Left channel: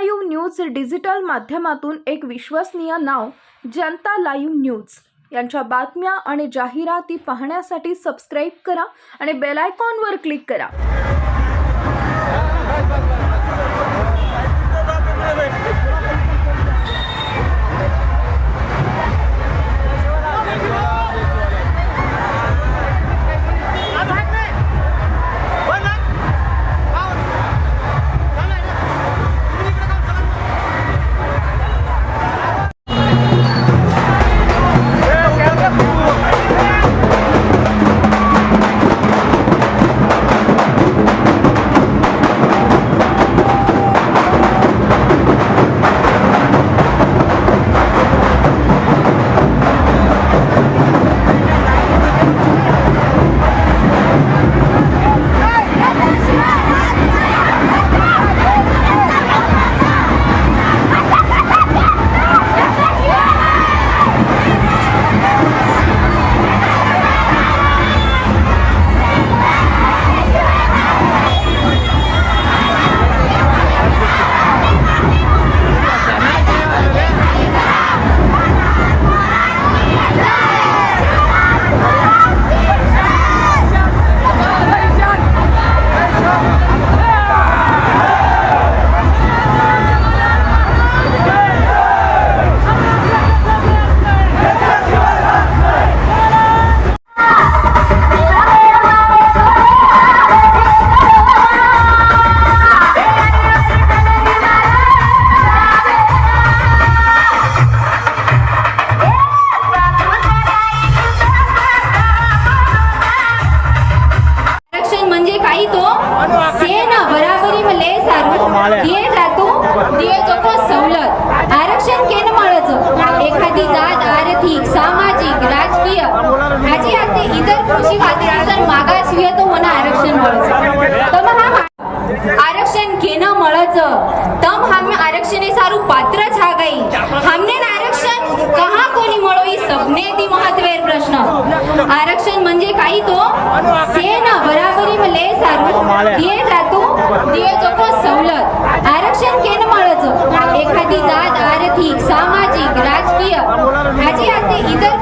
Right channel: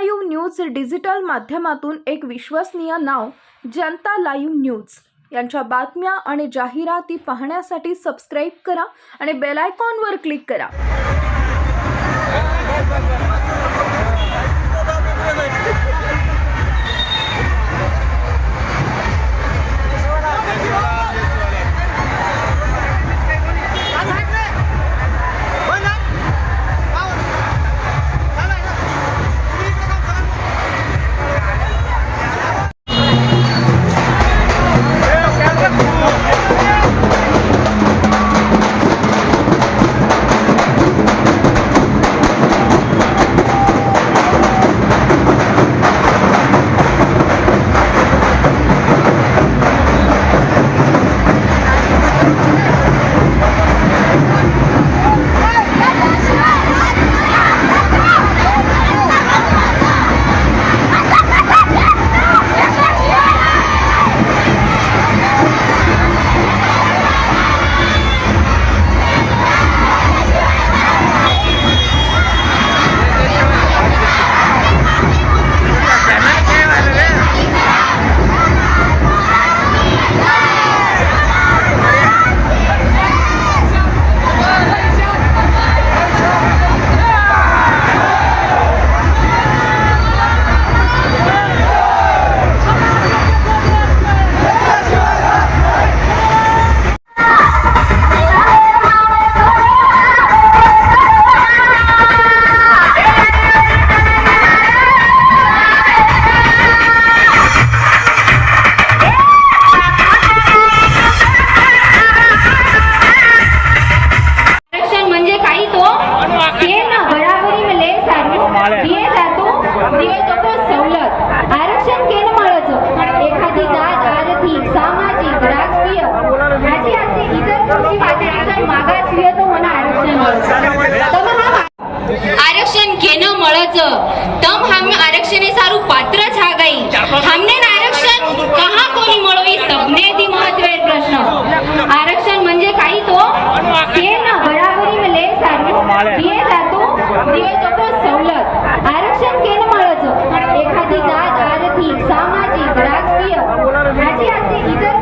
Live news digital माध्यमातून एक विश्वसनीय नाव जनता लाईव्ह न्यूज. यांच्या बातम्या आणि जाहिराती पाहण्यासाठी सबस्क्राईब करा आणि बेलायकॉनवर क्लिक करा.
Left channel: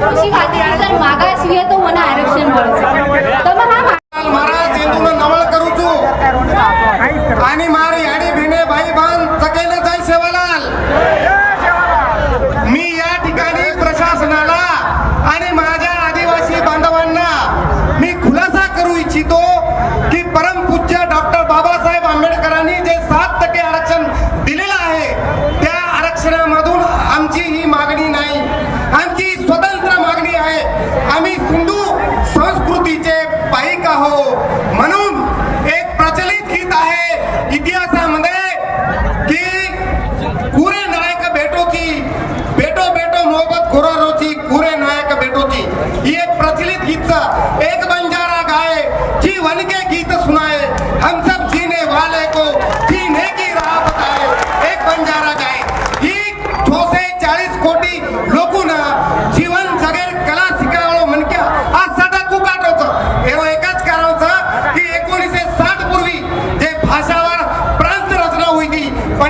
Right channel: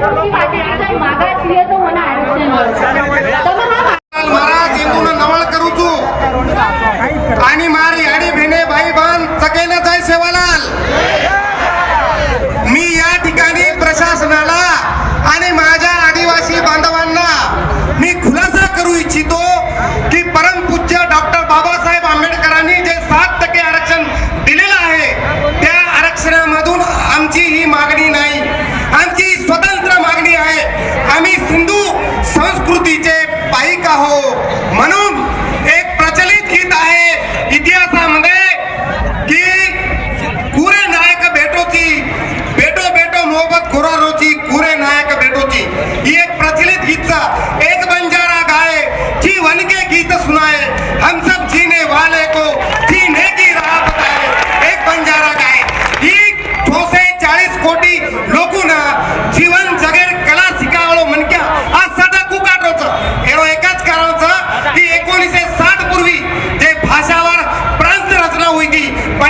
कृषी वाटे आणि जर मागासवर्गीय तो म्हणा आरक्षण तर मग हा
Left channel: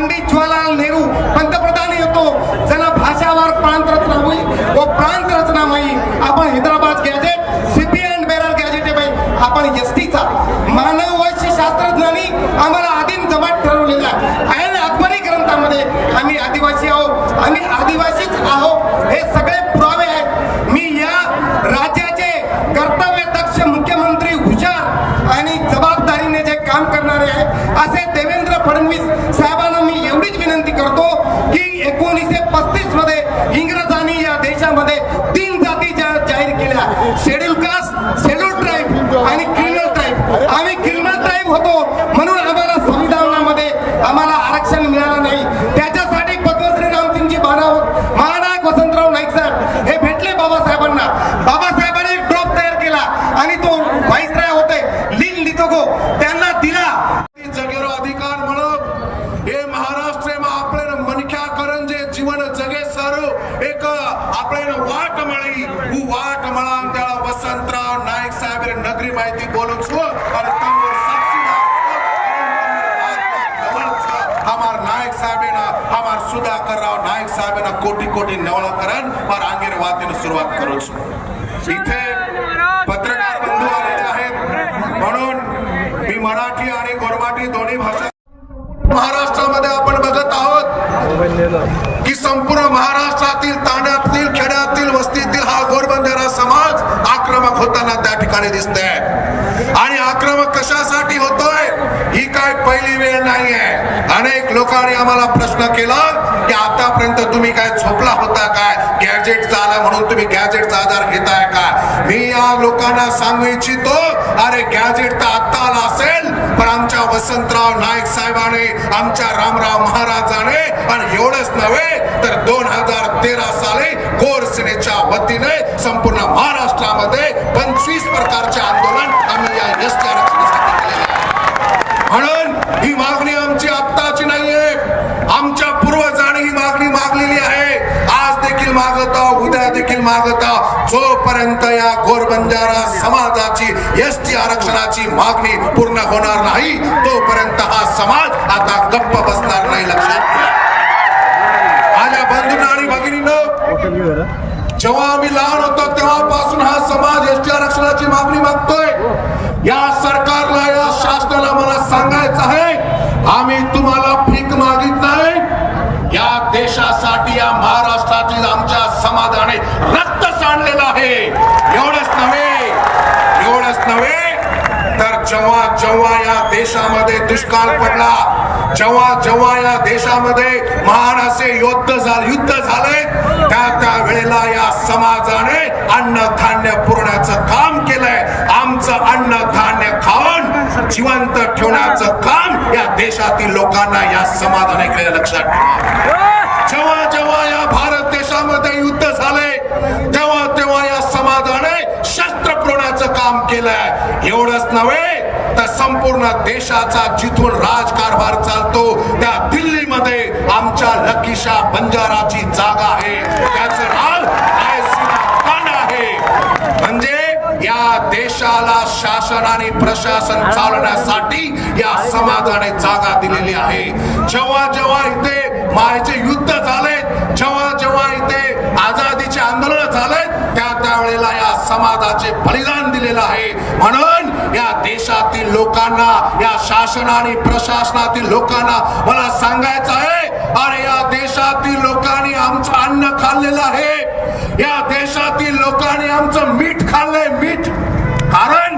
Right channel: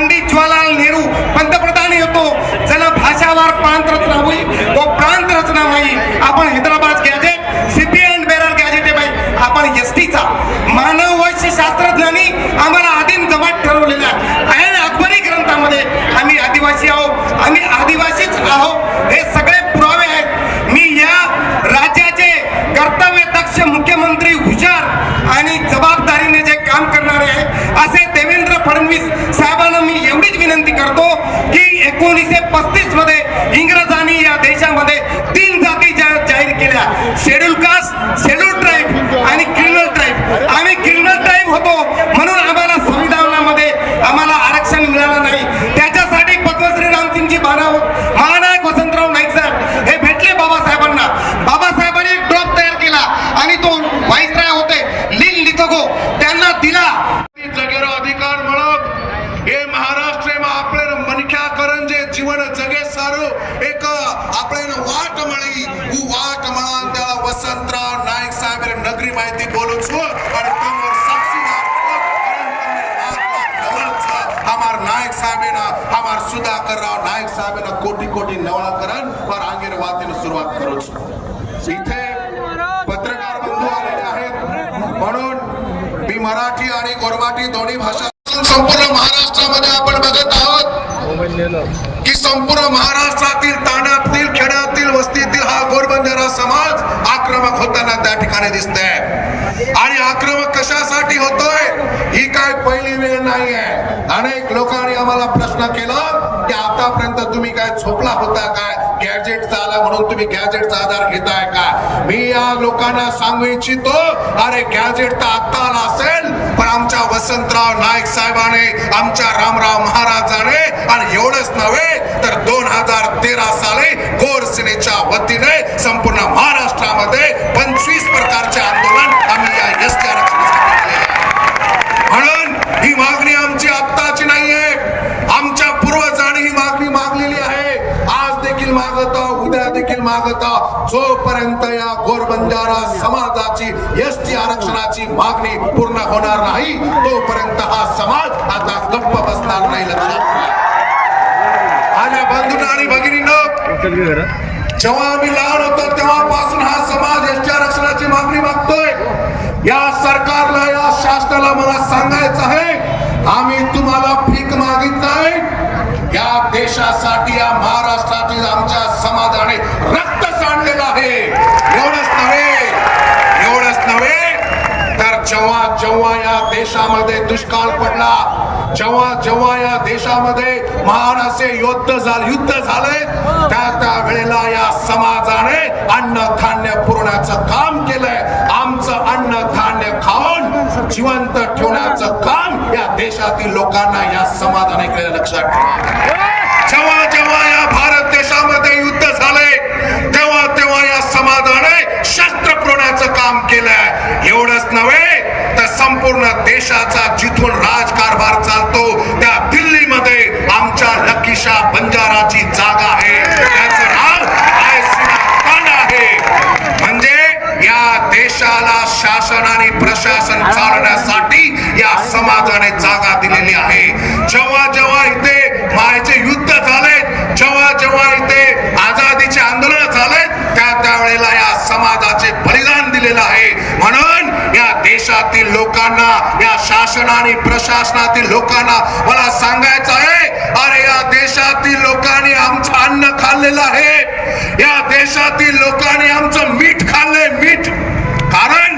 பண்டிட் ஜவஹர்லால் நேரு कोटी कोटी नवळकरण फार आंगेर वातीने सुरुवात करूच इथे पत्रकार बंधू आलेले आहेत. म्हणून मी मराठी आणि गोरमाटी दोन्ही भाषा संपूर्ण महाराष्ट्रामध्ये आपण बघत आहोत की संपूर्ण महाराष्ट्रातील तांड्यातील खेड्यातील वस्तीतील हा गोरबंजारा समाज आक्रमक होताना त्या ठिकाणी दिसत आहे आणि आक्रमक कशासाठी होतोय? ही काय पहिली वेळ नाही आहे अनेक लोकांनी आम्हाला प्रश्न केला की आतापर्यंत तुम्ही काय झोपला होता काय? तुम्ही गॅजेटचा आधार घेताय का? मी या लोकांना सांगू इच्छितो अरे गॅजेट तर आता आला असेल पण आमच्या वसंतराव नाईक साहेबाने आमच्या रामराव महाराजाने आणि एवढंच नव्हे तर दोन हजार तेरा साली गोर सेनेच्या वतीने संपूर्ण महाराष्ट्रामध्ये पंचवीस प्रकारचे आंदोलन आम्ही या एस टी आरक्षणासाठी केलेले आहे. म्हणून ही मागणी आमची आत्ताची नाहीये आमच्या पूर्वजांनी ही मागणी मागलेली आहे आज देखील मागत आहोत, उद्या देखील मागत आहोत. जोपर्यंत या घोरबंजारा समाजाची एस टी आरक्षणाची मागणी पूर्ण होणार नाही तोपर्यंत हा समाज आता गप्प बसणार नाही लक्षात घ्या. माझ्या बंधूंना आणि भगिनींनो जेव्हा आम्ही लहान होतो तेव्हापासून हा समाज एस टी आरक्षणाची मागणी मागतोय या सरकारला या शासनाला मला सांगायचं आहे आम्ही तुम्हाला भीक मागित नाही या देशासाठी या महाराष्ट्रातील आमच्या समाजाने रक्त सांडलेलं आहे एवढंच नव्हे एवढंच नव्हे तर जेव्हा जेव्हा या देशामध्ये दुष्काळ पडला जेव्हा जेव्हा या देशामध्ये महान असे युद्ध झाले युद्ध झाले त्या त्या वेळेला या समाजाने अन्न धान्य पुरवण्याचं काम केलंय. आमचं अन्न धान्य खाऊन जिवंत ठेवण्याचं काम या देशातील लोकांना या समाजाने केलं लक्षात ठेवा. जेव्हा जेव्हा या भारत देशामध्ये युद्ध झाले तेव्हा तेव्हा या समाजाने शस्त्र पुरवण्याचं काम केलंय. एवढंच नव्हे तर संपूर्ण देशाचा जिथून राजकारण बंजाराची जागा आहे. त्याचं नाव आयसीना आहे. म्हणजे या देशाला शासन आणि प्रशासन चालवण्यासाठी या समाजाने जागा दिलेली आहे. जेव्हा जेव्हा इथे मायचे युद्ध झाले जेव्हा जेव्हा इथे आझादीचे आंदोलन झाले त्या त्यावेळेला या समाजाचे बलिदान दिलेलं आहे. म्हणून या देशातील लोकांना या शासन आणि प्रशासनातील लोकांना मला सांगायचं आहे अरे या देशातील लोकांनी आमचं अन्न खाल्लेलं आहे या देशातील लोकांनी आमचं मीठ खाल्लंय मीठ कारण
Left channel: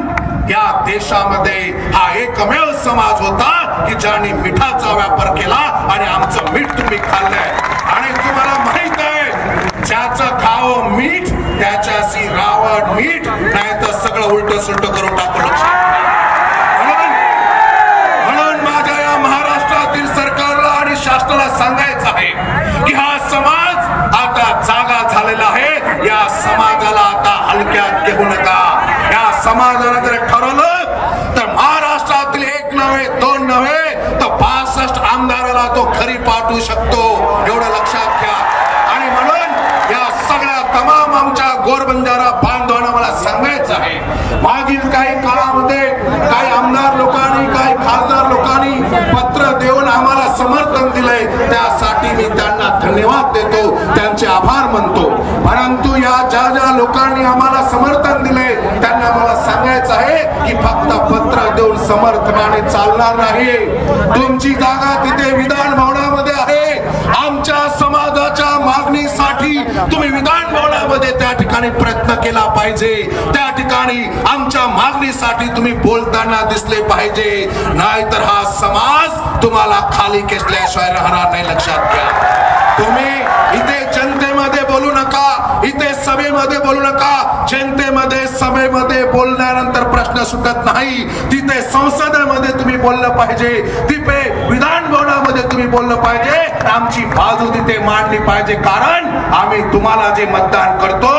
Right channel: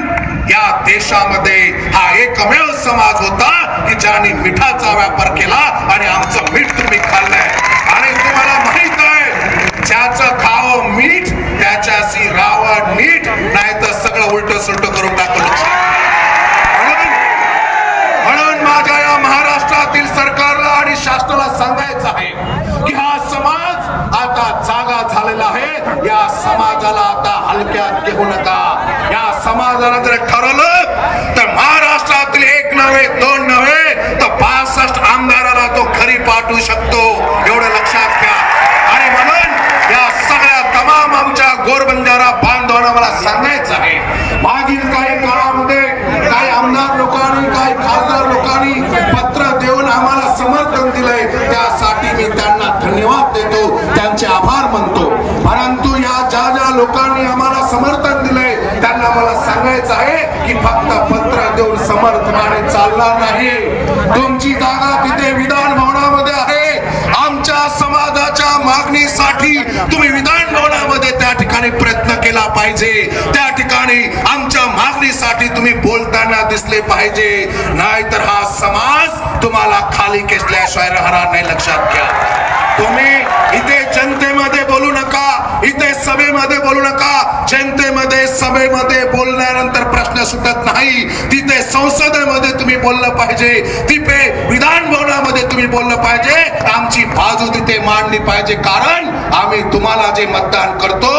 या देशामध्ये हा एकमेव समाज होता की ज्यांनी मिठाचा व्यापार केला आणि आमचं मीठ तुम्ही खाल्लंय आणि तुम्हाला माहीत आहे ज्याचं खावं मीठ त्याच्याशी रावण मीठ नाही तर सगळं उलट सुलट करून टाकलं म्हणून म्हणून माझ्या या महाराष्ट्रातील सरकारला आणि शासनाला सांगायचं आहे की हा समाज आता जागा झालेला आहे या समाजाला आता हलक्यात घेऊ नका या समाजाने जर ठरवलं तर महाराष्ट्रातील एक नव्हे दोन नव्हे तर पासष्ट आमदाराला तो घरी पाठवू शकतो एवढं लक्षात घ्या आणि म्हणून या सगळ्या तमाम आमच्या गोरबंजारा बांधवांना मला सांगायचं आहे मागील काही काळामध्ये काही आमदार लोकांनी काही खासदार लोकांनी पत्र देऊन आम्हाला समर्थन दिलंय त्यासाठी मी त्यांना धन्यवाद देतो त्यांचे आभार मानतो. परंतु या ज्या ज्या लोकांनी आम्हाला समर्थन दिले त्यांना मला सांगायचं आहे की फक्त पत्र देऊन समर्थनाने चालणार नाही. तुमची जागा तिथे विधान भवनामध्ये आहे. आमच्या समाजाच्या मागणीसाठी तुम्ही विधान भवनामध्ये त्या ठिकाणी प्रयत्न केला पाहिजे. त्या ठिकाणी आमच्या मागणीसाठी तुम्ही बोलताना दिसले पाहिजे. नाहीतर हा समाज तुम्हाला खाली खेचल्याशिवाय राहणार नाही लक्षात घ्या. तुम्ही इथे जनतेमध्ये बोलू नका इथे सभेमध्ये बोलू नका. जनतेमध्ये सभेमध्ये बोलल्यानंतर प्रश्न सुटत नाही. तिथे संसदेमध्ये तुम्ही बोललं पाहिजे. तिथे विधान भवनामध्ये तुम्ही बोललं पाहिजे. आमची बाजू तिथे मांडली पाहिजे. कारण आम्ही तुम्हाला जे मतदान करतो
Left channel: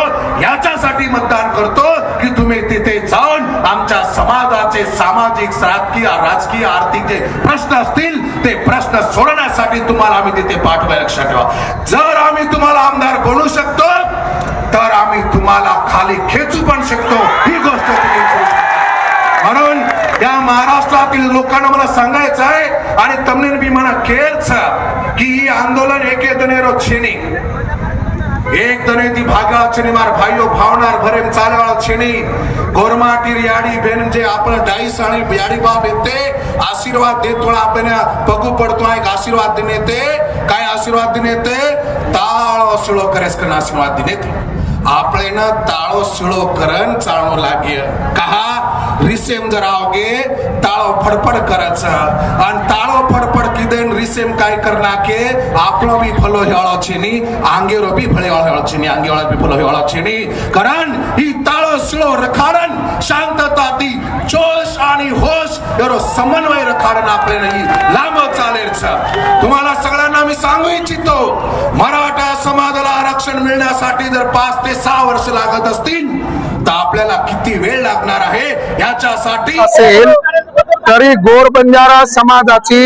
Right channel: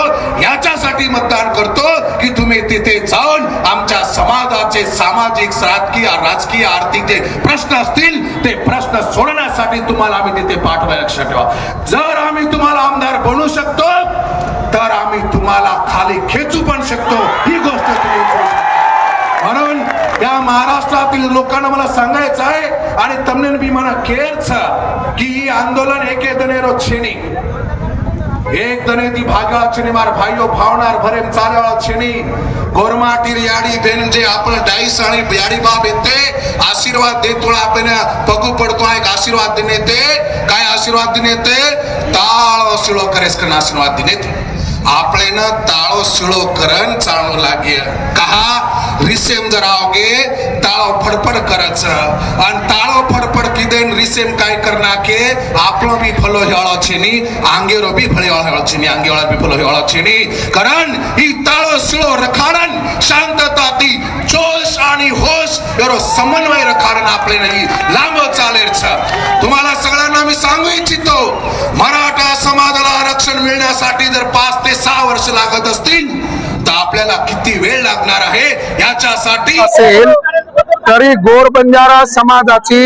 याच्यासाठी मतदान करतो की तुम्ही तिथे जाऊन आमच्या समाजाचे सामाजिक राजकीय राजकीय आर्थिक जे प्रश्न असतील येतील ते प्रश्न सोडवण्यासाठी तुम्हाला आम्ही तिथे पाठवा लक्षात ठेवा. जर आम्ही तुम्हाला आमदार बनू शकतो तर आम्ही तुम्हाला खाली खेचू पण शकतो. ही गोष्ट म्हणून या महाराष्ट्रातील लोकांना मला सांगायचं आहे आणि तमनेन बी म्हणा केअरच की आंदोलन एके दनेरो छेनी এক দনেতি ভাগা চিনিমার ভাইও ভাওনার ভরেম চালওয়া চিনি गोरमाटीर याडी बेन जे आपण डाईस आणि याडी बाब येते आशीर्वाद देतो आपण बघू पडतो एक आशीर्वाद देणे ते काय आशीर्वाद देणे ते ताळ सुळो करेस करण आशीर्वाद देणे आपल्यानं ताळो सुळो करण चाळो लागे कहा? रिसेम जर आवगे ताळो फडफड करायचं. आणि ताळो फडफड किदेन रिसेम काय करना के आपलो भी फलो हेळो छेनी आंगेरो भी फळे हेळो छेनी आंगेवाळा भी फलो हेळो छेनी कारण ही ताळो शिळो रखाडन शांतता ती जोश आणि होश एरो समन्वय रखाडन आपले नाही. लांब चालेल तुम्हाला सगळ्यांना मी सांगू इच्छितो मराठा समाजाला आरक्षण मिळण्यासाठी जर पाच ते सहा वर्ष लागत असतील किती वेळ लागणार आहे याच्यासाठी? असेल तरी गोर बंजारा समाजाची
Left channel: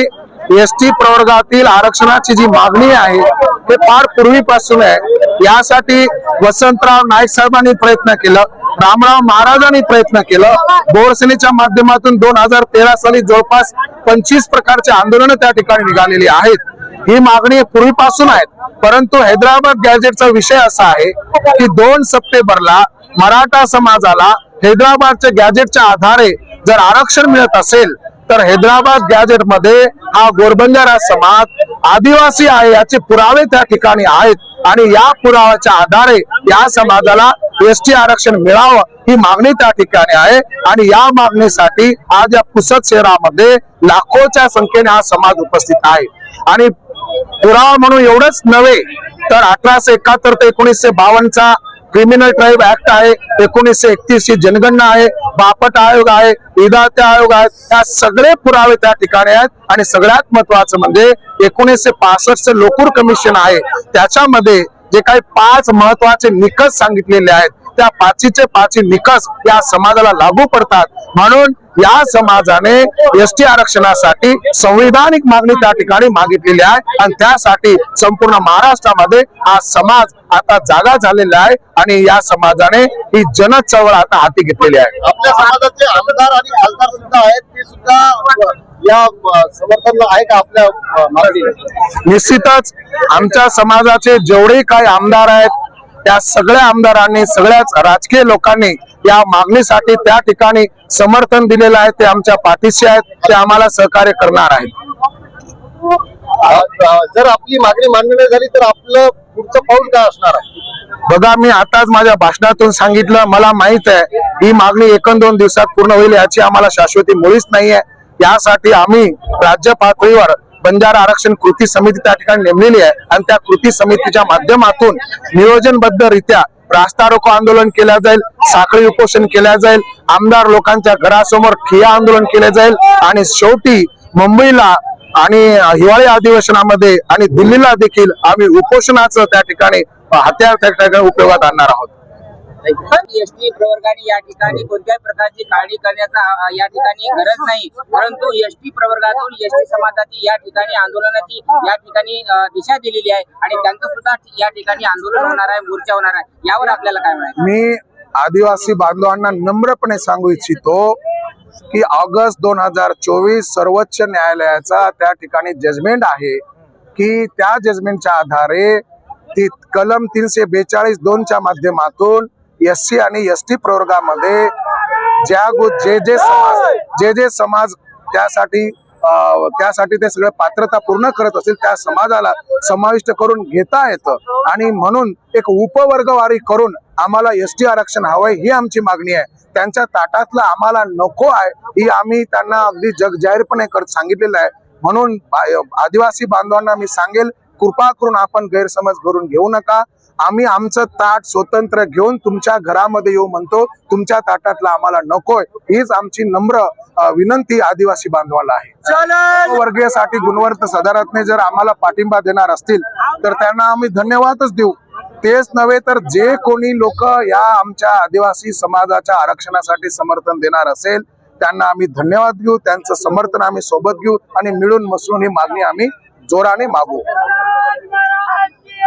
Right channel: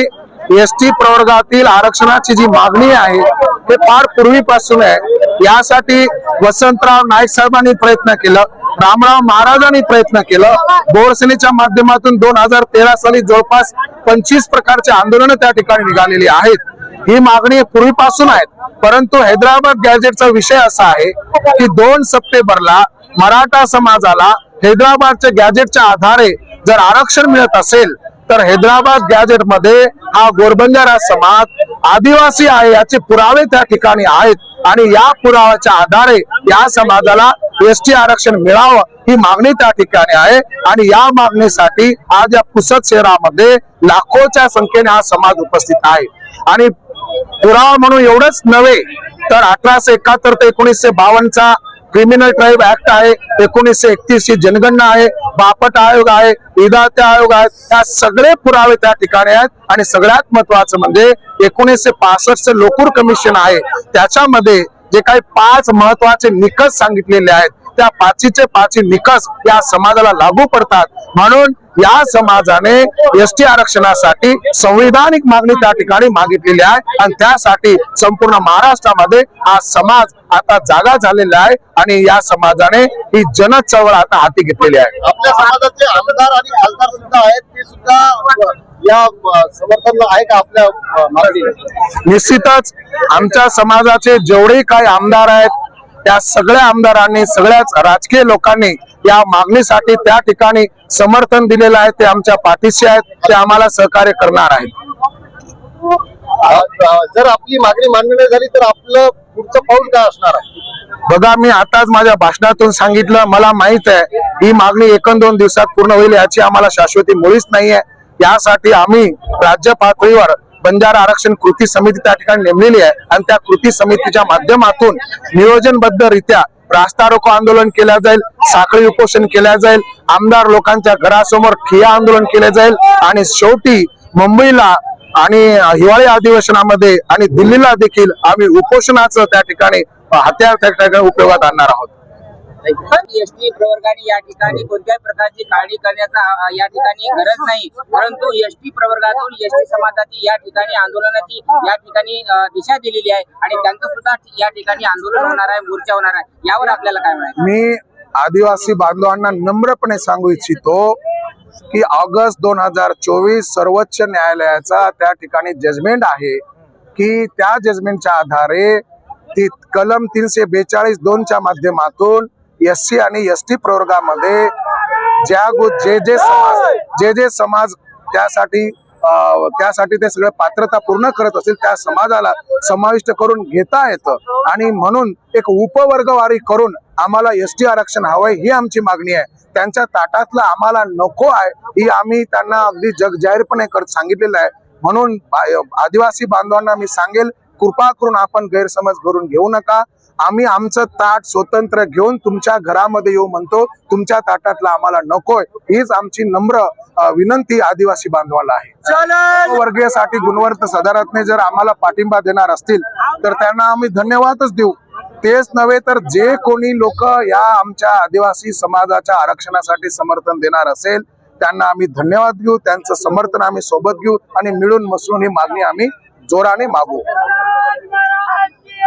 एस टी प्रवर्गातील आरक्षणाची जी मागणी आहे ते फार पूर्वीपासून आहे. यासाठी वसंतराव नाईक साहेबांनी प्रयत्न केलं रामराव महाराजांनी प्रयत्न केलं. बोरसेनेच्या माध्यमातून दोन हजार तेरा साली जवळपास पंचवीस प्रकारचे आंदोलन त्या ठिकाणी निघालेली आहेत. ही मागणी पूर्वीपासून आहेत परंतु हैदराबाद गॅजेटचा विषय असा आहे की दोन सप्टेंबरला मराठा समाजाला हैदराबादच्या गॅजेटच्या आधारे जर आरक्षण मिळत असेल तर हैदराबाद गॅजेटमध्ये हा गोरबंजारा समाज आदिवासी आहे याचे पुरावे त्या ठिकाणी आहेत आणि या पुराव्याच्या आधारे या समाजाला एस टी आरक्षण मिळावं ही मागणी त्या ठिकाणी आहे. आणि या मागणीसाठी आज या पुसद शहरामध्ये लाखोच्या संख्येने हा समाज उपस्थित आहे. आणि पुरावा म्हणून एवढंच नव्हे तर अठराशे एकाहत्तर ते एकोणीसशे बावन्नचा क्रिमिनल ट्राईब ऍक्ट आहे एकोणीसशे एकतीस ची जनगणना आहे बापट आयोग आहे विधाते आयोग आहे या सगळे पुरावे त्या ठिकाणी आहेत. आणि सगळ्यात महत्वाचं म्हणजे एकोणीसशे पासष्ट लोकूर कमिशन आहे. त्याच्यामध्ये जे काही पाच महत्त्वाचे निकष सांगितलेले आहेत त्या पाचीचे पाची निकष या समाजाला लागू पडतात. म्हणून या समाजाने एस टी आरक्षणासाठी संविधानिक मागणी त्या ठिकाणी मागितलेली आहे. आणि त्यासाठी संपूर्ण महाराष्ट्रामध्ये हा समाज आता जागा झालेला आहे आणि या समाजाने ही जन चळवळ आता हाती घेतलेली आहे. आपल्या समाजाचे आमदार आणि खासदार सुद्धा आहेत ते सुद्धा या समर्थन आहे का आपल्या निश्चितच आमच्या समाजाचे जेवढे काही आमदार आहेत त्या सगळ्या आमदारांनी सगळ्याच राजकीय लोकांनी या मागणीसाठी त्या ठिकाणी समर्थन दिलेलं आहे. ते आमच्या पाठीशी आहेत. ते आम्हाला सहकार्य करणार आहेत. जर आपली मागणी मान्य नाही झाली तर आपलं पुढचं पाऊल काय असणार आहे? बघा मी आताच माझ्या भाषणातून सांगितलं. मला माहीत आहे ही मागणी एकन दोन दिवसात पूर्ण होईल याची आम्हाला शाश्वती मुळीच नाहीये. यासाठी आम्ही राज्य पातळीवर बंजारा आरक्षण कृती समिती त्या ठिकाणी नेमलेली आहे. आणि त्या कृती समितीच्या माध्यमातून नियोजनबद्धरित्या रास्ता रोको आंदोलन केल्या जाईल साखळी उपोषण केल्या जाईल आमदार लोकांच्या घरासमोर ठिया आंदोलन केले जाईल आणि शेवटी मुंबईला आणि हिवाळी अधिवेशनामध्ये आणि दिल्लीला देखील आम्ही उपोषणाचं त्या ठिकाणी हत्यार त्या ठिकाणी उपयोगात आणणार आहोत. एसटी प्रवर्गाने या ठिकाणी कोणत्याही प्रकारची काळजी करण्याचा या ठिकाणी गरज नाही. परंतु एसटी प्रवर्गातून एसटी समाजाची या ठिकाणी आंदोलनाची या ठिकाणी दिशा दिलेली आहे आणि त्यांचं सुद्धा या ठिकाणी आंदोलन होणार आहे मोर्चा होणार आहे. यावर आपल्याला काय म्हणायचं? मी आदिवासी बांधवांना नम्रपणे सांगू इच्छितो की ऑगस्ट दोन हजार चोवीस सर्वोच्च न्यायालयाचा त्या ठिकाणी जजमेंट आहे की त्या जजमेंटच्या आधारे ती कलम तीनशे बेचाळीस दोनच्या माध्यमातून एस सी आणि एस टी प्रवर्गामध्ये ज्या गो- जे जे समाज जे जे समाज त्यासाठी त्यासाठी ते सगळे पात्रता पूर्ण करत असतील त्या समाजाला समाविष्ट करून घेता येतं. आणि म्हणून एक उपवर्गवारी करून आम्हाला एस टी आरक्षण हवंय ही आमची मागणी आहे. त्यांच्या ताटातलं आम्हाला नको आहे ही आम्ही त्यांना अगदी जग जाहीरपणे करत सांगितलेलं आहे. म्हणून आदिवासी बांधवांना मी सांगेल कृपा करून आपण गैरसमज करून घेऊ नका. आम्ही आमचं ताट स्वतंत्र घेऊन तुमच्या घरामध्ये येऊ म्हणतो. तुमच्या ताटातला आम्हाला नकोय. हीच आमची नम्र विनंती आदिवासी बांधवाला आहे. वर्गीयसाठी गुणवंत सदारत्ने जर आम्हाला पाठिंबा देणार असतील तर त्यांना आम्ही धन्यवादच देऊ. तेच नव्हे तर जे कोणी लोक या आमच्या आदिवासी समाजाच्या आरक्षणासाठी समर्थन देणार असेल त्यांना आम्ही धन्यवाद देऊ त्यांचं समर्थन आम्ही सोबत घेऊ आणि मिळून मिसळून ही मागणी आम्ही जोराने मागू.